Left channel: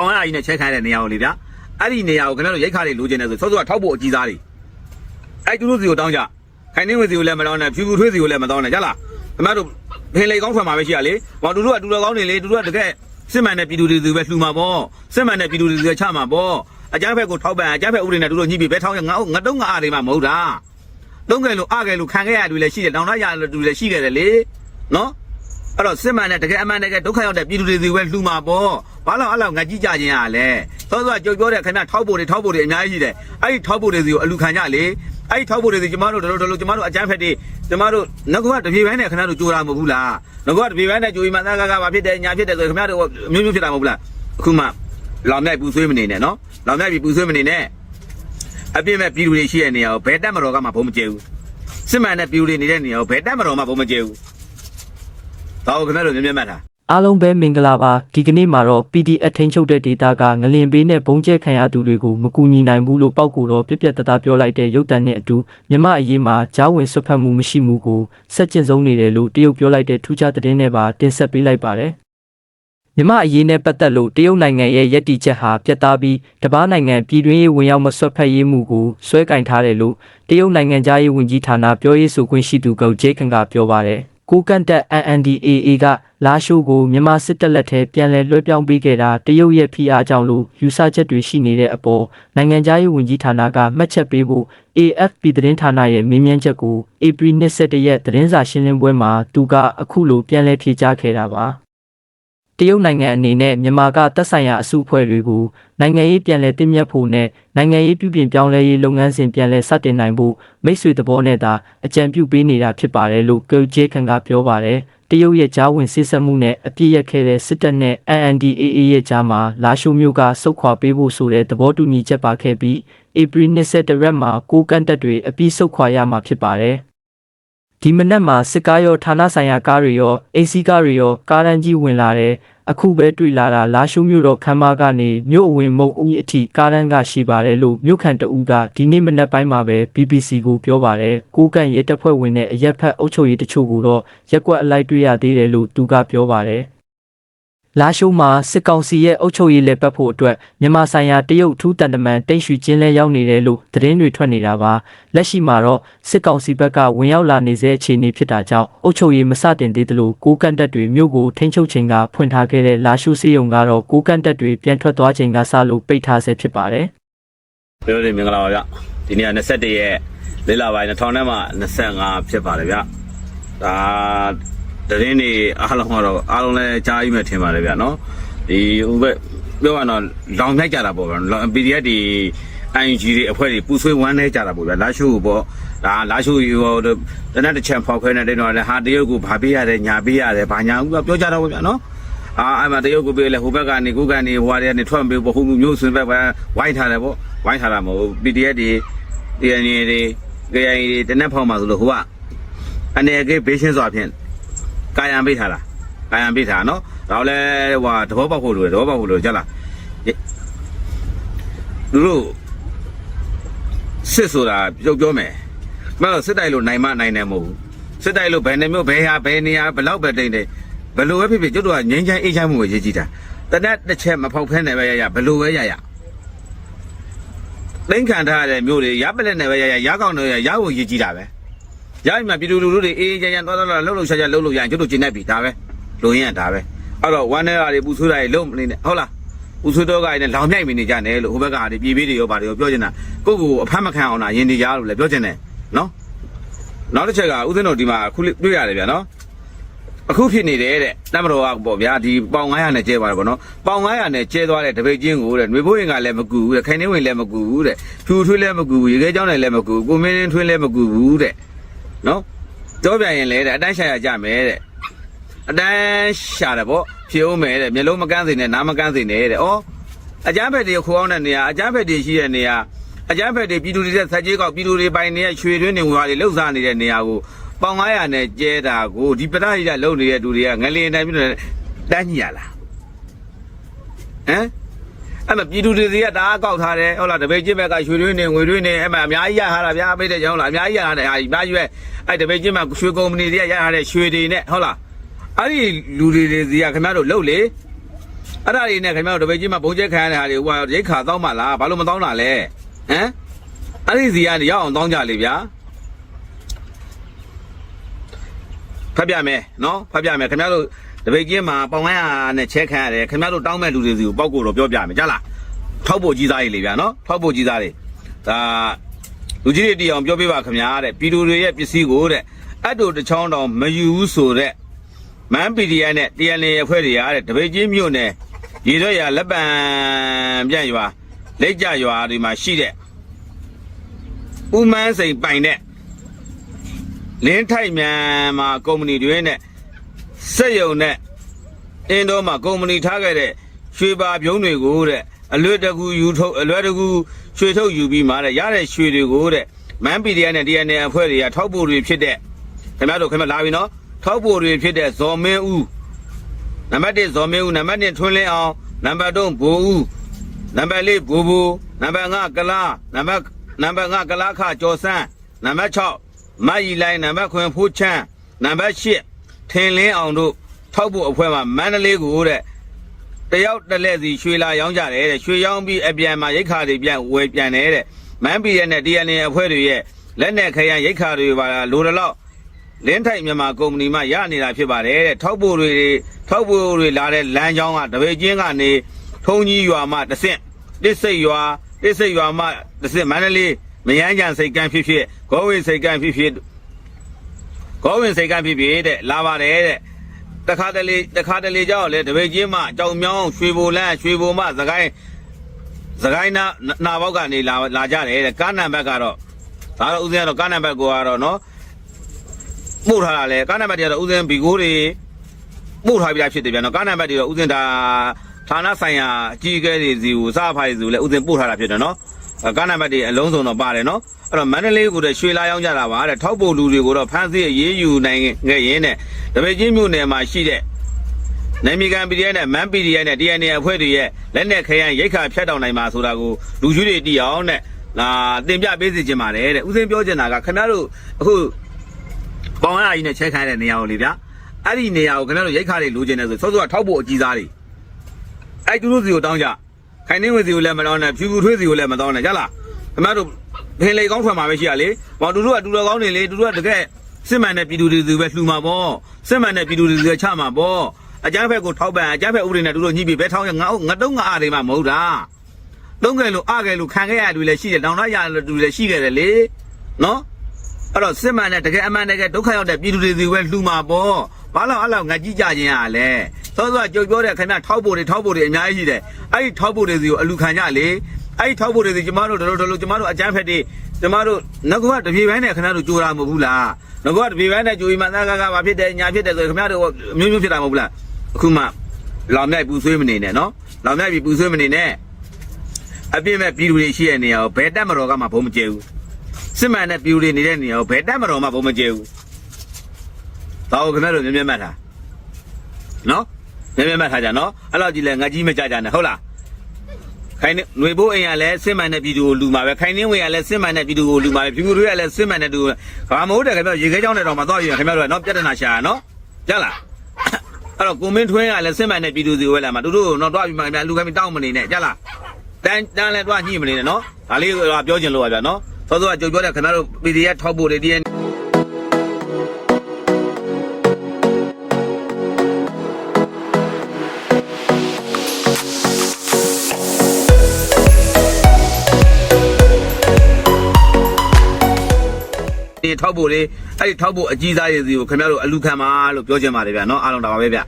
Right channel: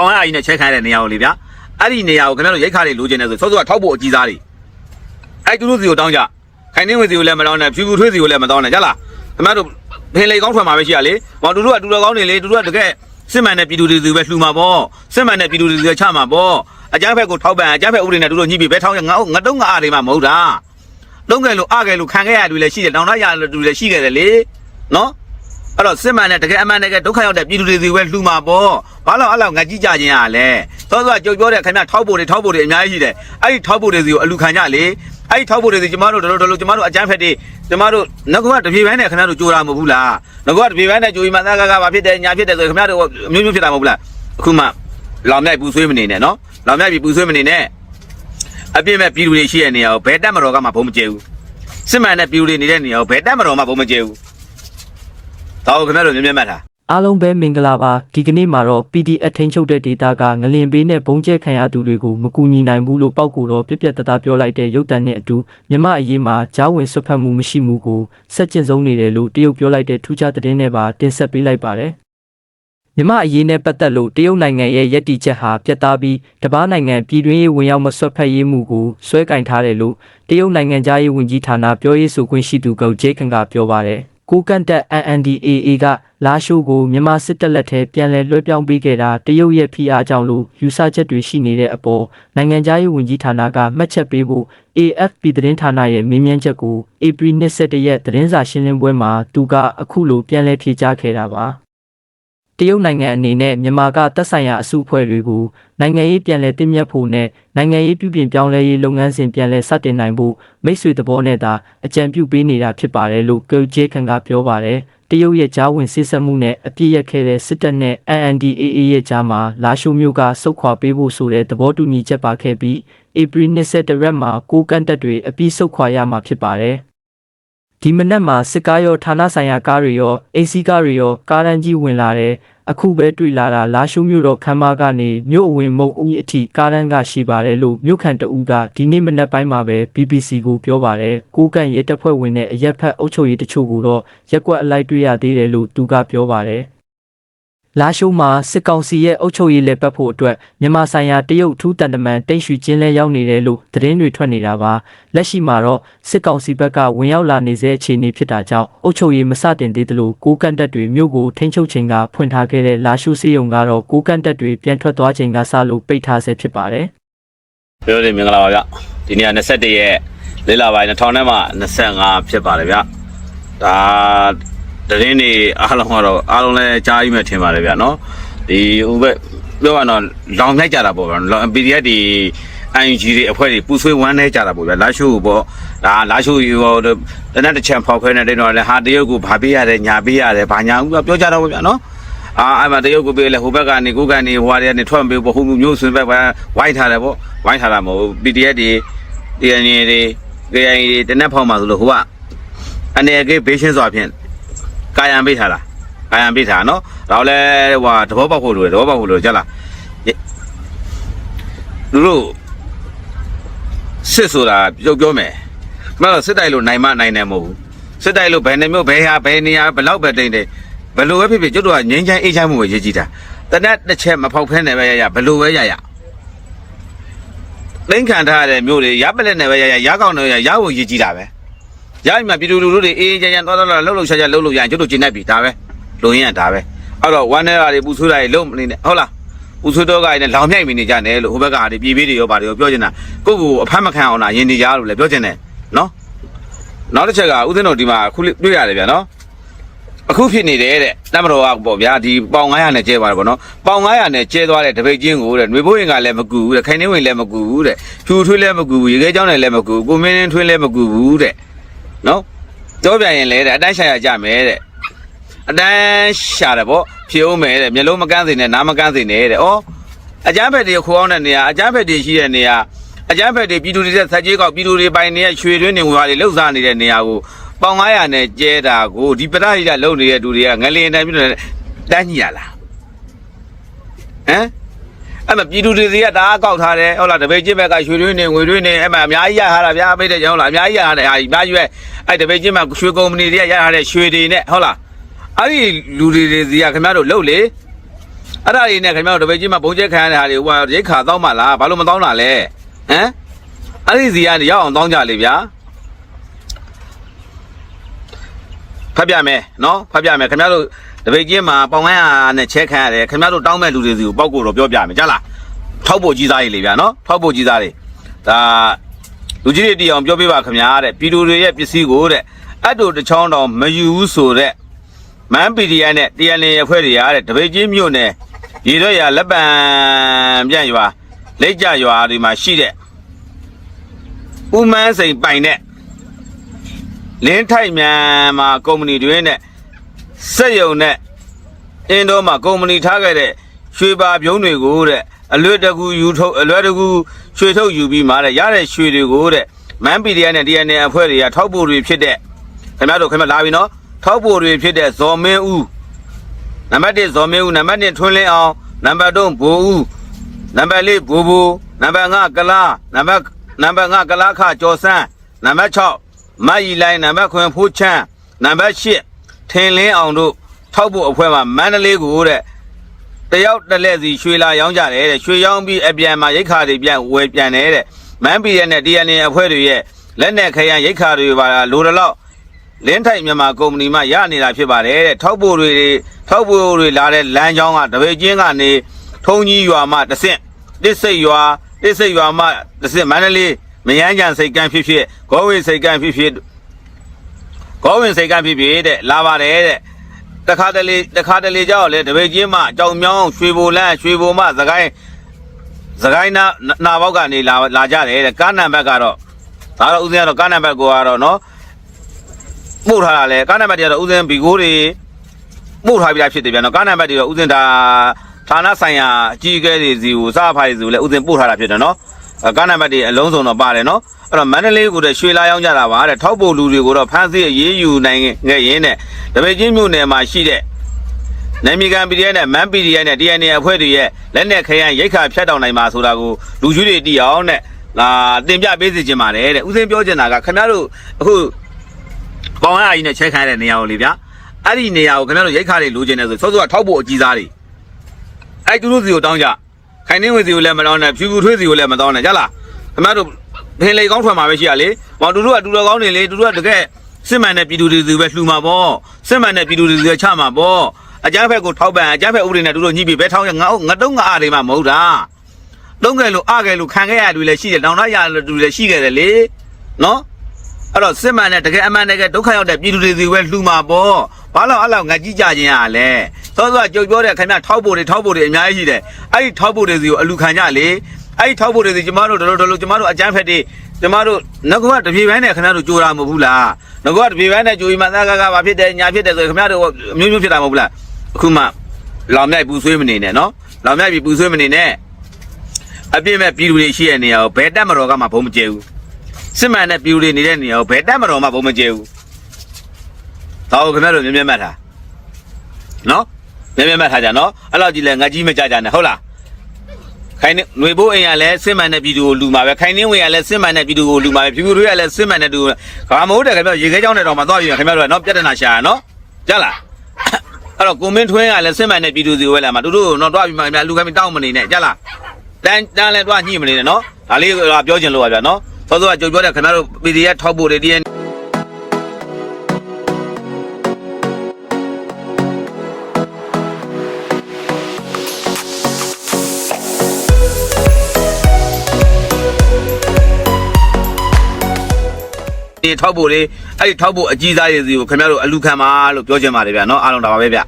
ပေါင်ရအကြီးနဲ့ချက်ခိုင်းတဲ့နေရာကိုလေဗျာအဲ့ဒီနေရာကိုခင်ဗျားတို့ရိတ်ခါတွေလိုချင်တယ်ဆိုစောစောကထောက်ဖို့အကြီးစားတွေအဲ့သူတို့စီကိုတောင်းကြခိုင်နေဝင်စီကိုလည်းမတောင်းနဲ့ဖြူဖြူထွေးစီကိုလည်းမတောင်းနဲ့ကြလားခင်ဗျားတို့ဖင်လေကောင်းထွက်မှာပဲရှိရလေဟောသူတို့ကတူတော်ကောင်းနေလေသူတို့ကတကယ်စစ်မှန်တဲ့ပြည်သူတွေစီပဲလှူမှာပေါ့စစ်မှန်တဲ့ပြည်သူတွေစီပဲချမှာပေါ့အကြမ်းဖက်ကိုထောက်ပံ့အကြမ်းဖက်ဥပဒေနဲ့သူတို့ညှိပြီးပဲထောင်းရငါငါတုံးငါအားတွေမှမဟုတ်တာလုံးကဲလို့အကဲလို့ခံခဲ့ရတူလည်းရှိတယ်တောင်းတရရတူလည်းရှိခဲ့တယ်လေနော် အဲ့တော့စစ်မှန်တဲ့တကယ်အမှန်တကယ်ဒုက္ခရောက်တဲ့ပြည်သူတွေစီပဲလှူမှာပေါ့ဘာလို့အဲ့လောက်ငါကြည့်ကြခြင်းရလဲသောသောကြုံပြောတဲ့ခင်ဗျထောက်ဖို့တွေထောက်ဖို့တွေအများကြီးရှိတယ်အဲ့ဒီထောက်ဖို့တွေစီကိုအလူခံကြလေအဲ့ဒီထောက်ဖို့တွေစီကျမတို့တို့တို့ကျမတို့အကြမ်းဖက်တွေကျမတို့ငါကတပြေပိုင်းနဲ့ခင်ဗျတို့ကြိုးတာမဟုတ်ဘူးလားငါကတပြေပိုင်းနဲ့ကြိုးပြီးမှသားကားကားဘာဖြစ်တယ်ညာဖြစ်တယ်ဆိုခင်ဗျတို့အမျိုးမျိုးဖြစ်တာမဟုတ်ဘူးလားအခုမှလောင်မြိုက်ပူဆွေးမနေနဲ့နော်လောင်မြိုက်ပြီးပူဆွေးမနေနဲ့အပြည့်မဲ့ပြည်သူတွေရှိတဲ့နေရာကိုဘယ်တက်မတော်ကမှဘုံမကျဲဘူးစစ်မှန်တဲ့ပြည်သူတွေနေတဲ့နေရာကိုဘယ်တက်မတော်မှဘုံမကျဲဘူး ဒါကိုခင်ဗျတို့မြင်မြင်မှတ်တာအားလုံးပဲမင်္ဂလာပါဒီကနေ့မှာတော့ PDF ထိန်းချုပ်တဲ့ဒေတာကငလင်ပေးနဲ့ဘုံကျဲခံရသူတွေကိုမကူညီနိုင်ဘူးလို့ပောက်ကူတော့ပြက်ပြက်တသားပြောလိုက်တဲ့ရုပ်တံနဲ့အတူမြမအရေးမှာကြားဝင်ဆွတ်ဖက်မှုမရှိမှုကိုဆက်ကျင်ဆုံးနေတယ်လို့တရုတ်ပြောလိုက်တဲ့ထူးခြားသတင်းနဲ့ပါတင်ဆက်ပေးလိုက်ပါတယ်မြမအရေးနဲ့ပတ်သက်လို့တရုတ်နိုင်ငံရဲ့ယက်တီချက်ဟာပြတ်သားပြီးတပားနိုင်ငံပြည်တွင်းရေးဝင်ရောက်မဆွတ်ဖက်ရေးမှုကိုဆွဲကင်ထားတယ်လို့တရုတ်နိုင်ငံသားရေးဝန်ကြီးဌာနပြောရေးဆိုခွင့်ရှိသူကဂျေကန်ကပြောပါတယ် ကိုကန့်တက် NNDAA ကလာရှိုးကိုမြန်မာစစ်တပ်လက်ထဲပြန်လည်လွှဲပြောင်းပေးခဲ့တာတရုတ်ရဲ့ဖိအားကြောင့်လို့ယူဆချက်တွေရှိနေတဲ့အပေါ်နိုင်ငံသားရေးဝန်ကြီးဌာနကမှတ်ချက်ပေးဖို့ AFP သတင်းဌာနရဲ့မေးမြန်းချက်ကိုဧပြီ21ရက်သတင်းစာရှင်းလင်းပွဲမှာသူကအခုလိုပြန်လည်ဖြေကြားခဲ့တာပါ တရုတ်နိုင်ငံအနေနဲ့မြန်မာကသက်ဆိုင်ရာအစုအဖွဲ့တွေကိုနိုင်ငံရေးပြန်လည်တည်မြတ်ဖို့နဲ့နိုင်ငံရေးပြုပြင်ပြောင်းလဲရေးလုပ်ငန်းစဉ်ပြန်လည်စတင်နိုင်ဖို့မိတ်ဆွေသဘောနဲ့သာအကြံပြုပေးနေတာဖြစ်ပါတယ်လို့ကောဂျေခန်ကပြောပါတယ်တရုတ်ရဲ့ကြားဝင်စစ်ဆက်မှုနဲ့အပြစ်ရက်ခဲ့တဲ့စစ်တပ်နဲ့ NNDAA ရဲ့ကြားမှာလာရှိုမျိုးကစုတ်ခွာပေးဖို့ဆိုတဲ့သဘောတူညီချက်ပါခဲ့ပြီးဧပြီ22ရက်မှာကိုကန့်တက်တွေအပြည့်စုတ်ခွာရမှာဖြစ်ပါတယ် ဒီမနက်မှာစစ်ကားရောဌာနဆိုင်ရာကားတွေရောအေစီကားတွေရောကားတန်းကြီးဝင်လာတယ်အခုပဲတွေ့လာတာလာရှုမြို့တော်ခမ်းမကနေမြို့အဝင်မုံဦးအထိကားတန်းကရှိပါတယ်လို့မြို့ခံတအူးကဒီနေ့မနက်ပိုင်းမှာပဲ BBC ကိုပြောပါတယ်ကိုကန့်ရဲတပ်ဖွဲ့ဝင်တဲ့အရက်ဖက်အုပ်ချုပ်ရေးတချို့ကိုတော့ရက်ကွက်အလိုက်တွေ့ရသေးတယ်လို့သူကပြောပါတယ် လာရှိုးမှာစစ်ကောင်စီရဲ့အုပ်ချုပ်ရေးလက်ပတ်ဖို့အတွက်မြန်မာဆိုင်ရာတရုတ်ထူးတန်တမန်တိတ်ရွှေချင်းလဲရောက်နေတယ်လို့သတင်းတွေထွက်နေတာပါလက်ရှိမှာတော့စစ်ကောင်စီဘက်ကဝင်ရောက်လာနေစေအခြေအနေဖြစ်တာကြောင့်အုပ်ချုပ်ရေးမစတင်သေးသလိုကိုကန့်တက်တွေမြို့ကိုထိန်းချုပ်ချိန်ကဖွင့်ထားခဲ့တဲ့လာရှုစီယုံကတော့ကိုကန့်တက်တွေပြန်ထွက်သွားချိန်ကစလို့ပိတ်ထားဆဲဖြစ်ပါတယ်ပြောရမင်္ဂလာပါဗျဒီနေ့က21ရက်လေးလပိုင်း2000နဲ့မှ25ဖြစ်ပါတယ်ဗျဒါ တရင်နေအားလုံးကတော့အားလုံးလည်းကြားပြီးမှထင်ပါတယ်ဗျနော်ဒီဟိုဘက်ပြောရတော့လောင်မြိုက်ကြတာပေါ့ဗျလောင် PDF ဒီ ING တွေအဖွဲ့တွေပူဆွေးဝမ်းနေကြတာပေါ့ဗျလာရှုပေါ့ဒါလာရှုရောတနက်တစ်ချံဖောက်ခွဲနေတယ်တော့လည်းဟာတရုတ်ကိုဗာပေးရတယ်ညာပေးရတယ်ဗာညာဦးပြောကြတော့ဗျနော်အာအဲ့မှာတရုတ်ကိုပေးလေဟိုဘက်ကနေကိုကနေဟိုဟာတွေကနေထွက်မပေးဘူးဟိုမျိုးဆွေးဘက်ပဲဝိုင်းထားတယ်ပေါ့ဝိုင်းထားတာမဟုတ်ဘူး PDF တွေ DNA တွေ KI တွေတနက်ဖောက်မှာဆိုလို့ဟိုကအနေကေဘေးရှင်းစွာဖြင့် ကာယံပေးထားတာကာယံပေးထားနော်ဒါလည်းဟိုသဘောပေါက်ဖို့လိုတယ်သဘောပေါက်ဖို့လိုကြလားလူတို့စစ်ဆိုတာပြောပြောမယ်မဟုတ်စစ်တိုက်လို့နိုင်မနိုင်တယ်မဟုတ်ဘူးစစ်တိုက်လို့ဘယ်နှမျိုးဘယ်ဟာဘယ်နေရာဘယ်လောက်ပဲတိတ်နေဘယ်လိုပဲဖြစ်ဖြစ်ကျွတ်တော့ငင်းချိုင်းအေးချိုင်းမှုကိုရေးကြည့်တာတနက်တစ်ချက်မဖောက်ဖဲနေပဲရရဘယ်လိုပဲရရသိန်းခံထားရတဲ့မျိုးတွေရပလက်နေပဲရရရကောင်းနေရရဖို့ရေးကြည့်တာပဲ ရပြီမှာပြည်သူလူထုတွေအေးအေးချမ်းချမ်းသွားသွားလာလှုပ်လှုပ်ရှားရှားလှုပ်လှုပ်ရရင်ကျွတ်တို့ကျင်းနေပြီဒါပဲလူရင်းကဒါပဲအဲ့တော့ဝမ်းနေတာတွေပူဆွေးတာတွေလုံးမနေနဲ့ဟုတ်လားပူဆွေးတော့ကလည်းလောင်မြိုက်မိနေကြတယ်လို့ဟိုဘက်ကတွေပြေးပြေးတွေရောပါတယ်ရောပြောချင်တာကိုယ့်ကိုယ်အဖမ်းမခံအောင်လားယင်နေကြလို့လည်းပြောချင်တယ်နော်နောက်တစ်ချက်ကဦးသိန်းတော်ဒီမှာခုလေးတွေ့ရတယ်ဗျာနော်အခုဖြစ်နေတယ်တဲ့တမတော်ကပေါ့ဗျာဒီပေါင်900နဲ့ကျဲသွားတယ်ပေါ့နော်ပေါင်900နဲ့ကျဲသွားတဲ့တပိတ်ချင်းကိုတဲ့ຫນွေဘိုးရင်ကလည်းမကူဘူးတဲ့ခိုင်နှင်းဝင်လည်းမကူဘူးတဲ့ဖြူထွေးလည်းမကူဘူးရေခဲကြောင်းလည်းမကူဘူးကုမင်းထွေးလည်းမကူဘူးတဲ့ နော်တော့ပြန်ရင်လေတဲ့အတိုင်းရှာရကြမယ်တဲ့အတိုင်းရှာတယ်ပေါ့ဖြေအောင်မယ်တဲ့မျက်လုံးမကန်းစေနဲ့နားမကန်းစေနဲ့တဲ့ဩအကြမ်းဖက်တွေခိုးအောင်တဲ့နေရာအကြမ်းဖက်တွေရှိတဲ့နေရာအကြမ်းဖက်တွေပြည်သူတွေဆက်ဆက်ကြီးကောက်ပြည်သူတွေပိုင်နေတဲ့ရွှေတွင်းနေဝါတွေလှုပ်ရှားနေတဲ့နေရာကိုပေါင်900နဲ့ကျဲတာကိုဒီပရဟိတလုံနေတဲ့လူတွေကငလင်တန်းပြတယ်တန်းကြီးရလားဟမ် အဲ့မှာပြည်သူတွေစီကဒါအကောက်ထားတယ်ဟုတ်လားတပည့်ချင်းဘက်ကရွှေတွင်းနေငွေတွင်းနေအဲ့မှာအများကြီးရထားတာဗျာမိတဲ့ကြောင်းလားအများကြီးရထားတယ်ဟာအများကြီးပဲအဲ့တပည့်ချင်းဘက်ရွှေကုမ္ပဏီတွေကရထားတဲ့ရွှေတွေနဲ့ဟုတ်လားအဲ့ဒီလူတွေတွေစီကခင်ဗျားတို့လှုပ်လေအဲ့ဒါတွေနဲ့ခင်ဗျားတို့တပည့်ချင်းမှာဘုံကျဲခံရတဲ့ဟာတွေဟိုရိတ်ခါတောင်းပါလားဘာလို့မတောင်းတာလဲဟမ်အဲ့ဒီစီကနေရအောင်တောင်းကြလေဗျာ ဖတ်ပြမယ်နော်ဖတ်ပြမယ်ခင်ဗျားတို့တပည့်ချင်းမှာပေါင်ကန်းဟာနဲ့ချဲခံရတယ်ခင်ဗျားတို့တောင်းမဲ့လူတွေစီကိုပောက်ကိုတော့ပြောပြမယ်ကြားလားထောက်ဖို့ကြီးစားရည်လေဗျာနော်ထောက်ဖို့ကြီးစားတွေဒါလူကြီးတွေတီအောင်ပြောပြပါခင်ဗျာတဲ့ပြည်သူတွေရဲ့ပစ္စည်းကိုတဲ့အတ်တို့တစ်ချောင်းတောင်မယူဘူးဆိုတဲ့မန်ပီဒီအန်နဲ့ TNL အဖွဲ့တွေရတဲ့တပိတ်ချင်းမြို့နယ်ရေရွရလက်ပံပြန့်ရွာလက်ကြရွာတွေမှာရှိတဲ့ဥမန်းစိန်ပိုင်တဲ့ လင်းထိုက်မြန်မှာကုမ္ပဏီတွေနဲ့စက်ယုံနဲ့အင်းတော့မှာကုမ္ပဏီထားခဲ့တဲ့ရွှေပါပြုံးတွေကိုတဲ့အလွတ်တကူယူထုတ်အလွတ်တကူရွှေထုတ်ယူပြီးမှတဲ့ရတဲ့ရွှေတွေကိုတဲ့မန်ပီဒီအန်နဲ့ TNL အဖွဲ့တွေကထောက်ပို့တွေဖြစ်တဲ့ခင်ဗျားတို့ခင်ဗျာလာပြီနော်ထောက်ပိုတွေဖြစ်တဲ့ဇော်မင်းဦးနံပါတ်1ဇော်မင်းဦးနံပါတ်2ထွန်းလင်းအောင်နံပါတ်3ဘူဦးနံပါတ်4ဘူဘူနံပါတ်5ကလားနံပါတ်နံပါတ်5ကလားခကျော်စန်းနံပါတ်6 မတ်ရီလိုင်းနံပါတ်9ဖိုးချမ်းနံပါတ်8ထင်လင်းအောင်တို့ထောက်ပိုအဖွဲ့မှာမန္တလေးကိုတဲ့တယောက်တစ်လက်စီရွှေလာရောင်းကြတယ်တဲ့ရွှေရောင်းပြီးအပြန်မှာရိတ်ခါတွေပြန်ဝယ်ပြန်တယ်တဲ့မန်ပီရနဲ့ DNA အဖွဲ့တွေရဲ့လက်နဲ့ခရမ်းရိတ်ခါတွေပါလိုတလောက်လင်းထိုက်မြန်မာကုမ္ပဏီမှရနေတာဖြစ်ပါတယ်တဲ့ထောက်ပို့တွေထောက်ပို့တွေလာတဲ့လမ်းကြောင်းကတပိတ်ချင်းကနေထုံကြီးရွာမှတစ်ဆင့်တစ်စိတ်ရွာတစ်စိတ်ရွာမှတစ်ဆင့်မန္တလေး မယန်းကြံစိတ်ကန်းဖြစ်ဖြစ်ဂေါဝေစိတ်ကန်းဖြစ်ဖြစ်ဂေါဝင်စိတ်ကန်းဖြစ်ဖြစ်တဲ့လာပါတယ်တဲ့တခါတလေတခါတလေကြောက်လေတပိတ်ချင်းမှကြောင်မြောင်းရွှေဘိုလန်းရွှေဘိုမှသခိုင်းသခိုင်းနာနာဘောက်ကနေလာလာကြတယ်တဲ့ကားနံပါတ်ကတော့ဒါတော့ဦးဇင်းကတော့ကားနံပါတ်ကိုကတော့နော်ပို့ထားတာလေကားနံပါတ်တွေကတော့ဥစဉ်ဘီကိုတွေပို့ထားပြီးသားဖြစ်တယ်ဗျာနော်ကားနံပါတ်တွေတော့ဥစဉ်ဒါဌာနဆိုင်ရာအကြီးအကဲတွေစီကိုစားဖိုင်စီကိုလည်းဥစဉ်ပို့ထားတာဖြစ်တယ်နော်အဲ ကားနံပါတ်တွေအလုံးစုံတော့ပါတယ်နော်အဲ့တော့မန္တလေးကိုလည်းရွှေလာရောက်ကြတာပါတဲ့ထောက်ပို့လူတွေကိုတော့ဖမ်းဆီးရေးယူနိုင်ခဲ့ရင်းနဲ့တပည့်ချင်းမြို့နယ်မှာရှိတဲ့နိုင်မီကန် PDF နဲ့မန် PDF နဲ့ DNA အဖွဲ့တွေရဲ့လက်နက်ခရမ်းရိတ်ခါဖြတ်တောင်နိုင်မှာဆိုတာကိုလူကြီးတွေသိအောင်နဲ့လာတင်ပြပေးစီချင်ပါတယ်တဲ့ဥစဉ်ပြောချင်တာကခင်ဗျားတို့အခုပေါင်ရအကြီးနဲ့ချဲခိုင်းတဲ့နေရာကိုလေဗျာအဲ့ဒီနေရာကိုခင်ဗျားတို့ရိတ်ခါတွေလိုချင်တယ်ဆိုစောစောကထောက်ဖို့အကြီးစားတွေအဲ့သူတို့စီကိုတောင်းကြ ခိုင်နှင်းဝင်စီကိုလည်းမတောင်းနဲ့ဖြူဖြူထွေးစီကိုလည်းမတောင်းနဲ့ကြလားခင်ဗျားတို့ဖင်လေကောင်းထွက်မှာပဲရှိရလေမောင်တို့တို့ကတူတော်ကောင်းတွေလေတူတို့ကတကယ်စစ်မှန်တဲ့ပြည်သူတွေစီပဲလှူမှာပေါ့စစ်မှန်တဲ့ပြည်သူတွေစီချမှာပေါ့အကြမ်းဖက်ကိုထောက်ပံ့အကြမ်းဖက်ဥပဒေနဲ့တူတို့ညှိပြီးဘဲထောင်းရငါငါတုံးငါအားတွေမှမဟုတ်တာတုံးကဲလို့အားကဲလို့ခံခဲ့ရလူလည်းရှိတယ်နောင်တရလူလည်းရှိခဲ့တယ်လေနော်အဲ့တော့စစ်မှန်တဲ့တကယ်အမှန်တကယ်ဒုက္ခရောက်တဲ့ပြည်သူတွေစီပဲလှူမှာပေါ့ ဘာလို့အဲ့လောက်ငါကြည့်ကြခြင်းရလဲစောစောကြုတ်ပြောတဲ့ခင်ဗျထောက်ဖို့တွေထောက်ဖို့တွေအများကြီးရှိတယ်အဲ့ဒီထောက်ဖို့တွေစီကိုအလူခံကြလေအဲ့ဒီထောက်ဖို့တွေစီကျမတို့တော်တော်တော်ကျမတို့အကြမ်းဖက်တွေကျမတို့ငကမတပြေပိုင်းနဲ့ခင်ဗျတို့ကြိုးတာမဟုတ်ဘူးလားငကတပြေပိုင်းနဲ့ကြိုးပြီးမှသာကကဘာဖြစ်တယ်ညာဖြစ်တယ်ဆိုခင်ဗျတို့အမျိုးမျိုးဖြစ်တာမဟုတ်ဘူးလားအခုမှလောင်မြိုက်ပူဆွေးမနေနဲ့နော်လောင်မြိုက်ပြီးပူဆွေးမနေနဲ့အပြည့်မဲ့ပြည်သူတွေရှိတဲ့နေရာကိုဘယ်တက်မတော်ကမှဘုံမကျဲဘူးစစ်မှန်တဲ့ပြူတွေနေတဲ့နေရာကိုဘယ်တက်မတော်မှဘုံမကျဲဘူး။ ဒါကိုခင်ဗျားတို့မြင်မြင်မှတ်ထား။နော်မြင်မြင်မှတ်ထားကြနော်။အဲ့လောက်ကြီးလဲငါကြီးမကြကြနဲ့ဟုတ်လား။ခိုင်နေຫນွေဘိုးအိမ်ကလည်းစစ်မှန်တဲ့ပြည်သူကိုလူမှာပဲခိုင်နေဝေကလည်းစစ်မှန်တဲ့ပြည်သူကိုလူမှာပဲပြူပြူတွေကလည်းစစ်မှန်တဲ့သူကဘာမဟုတ်တယ်ခင်ဗျာရေခဲကြောင်းတဲ့တော့မှသွားပြီးခင်ဗျားတို့ကနော်ပြဿနာရှာရနော်။ကြလား။အဲ့တော့ကိုမင်းထွန်းကလည်းစစ်မှန်တဲ့ပြည်သူစီဝဲလာမှာတို့တို့တော့တွားပြီးမှလူကမတောင်းမနေနဲ့ကြလား။တန်းတန်းလဲတွားညှိမနေနဲ့နော်။ဒါလေးကပြောချင်လို့ပါဗျာနော်။သောသောကကြိုပြောတဲ့ခင်ဗျားတို့ PDF ထောက်ဖို့တွေဒီ တွေထောက်ဖို့တွေအဲ့ဒီထောက်ဖို့အကြီးစားတွေတွေကိုခင်ဗျားတို့အလူခံပါလို့ပြောချင်ပါတယ်ဗျာနော်အားလုံးဒါပါပဲဗျာ